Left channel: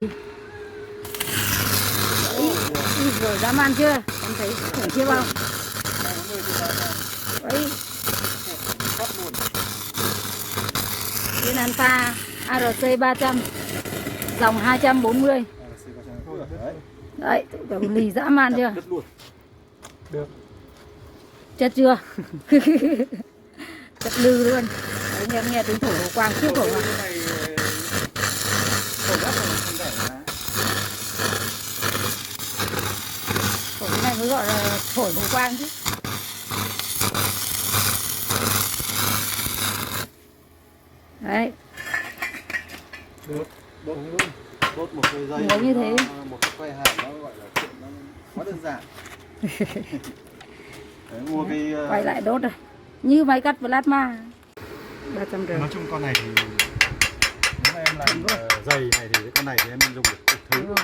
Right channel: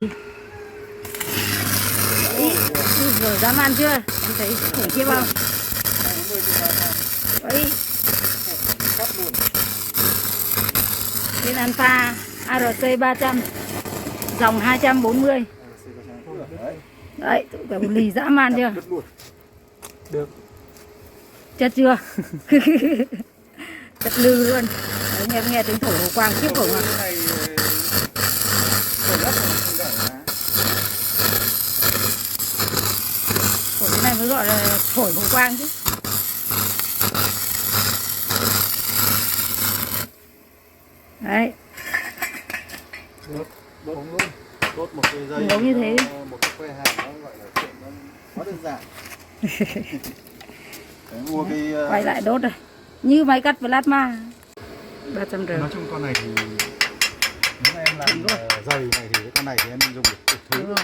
Đấy, rồi dám ăn chưa? Em thấy khủng khiếp không? Đấy. Bên Alpha ARC 300, dòng 240. Đấy, tụi lì dã man chưa? Được. Chất chưa? Chất lư luôn. Đấy, nghe tiếng thổi hồ quang khiếp khủng à? Thổi cái này mới gọi là thổi hồ quang chứ. Đấy. Được. Đốt luôn. Đốt một cái dây. Ngấu như thế. Một cái que hàn nó gọi là chuyện nó quá đơn giản. Đấy, mua cái quay lại đốt rồi. Như máy cắt plasma 300 nói chung con này thì nếu mà em làm dày này thì cái con này thì em dùng được đủ thứ.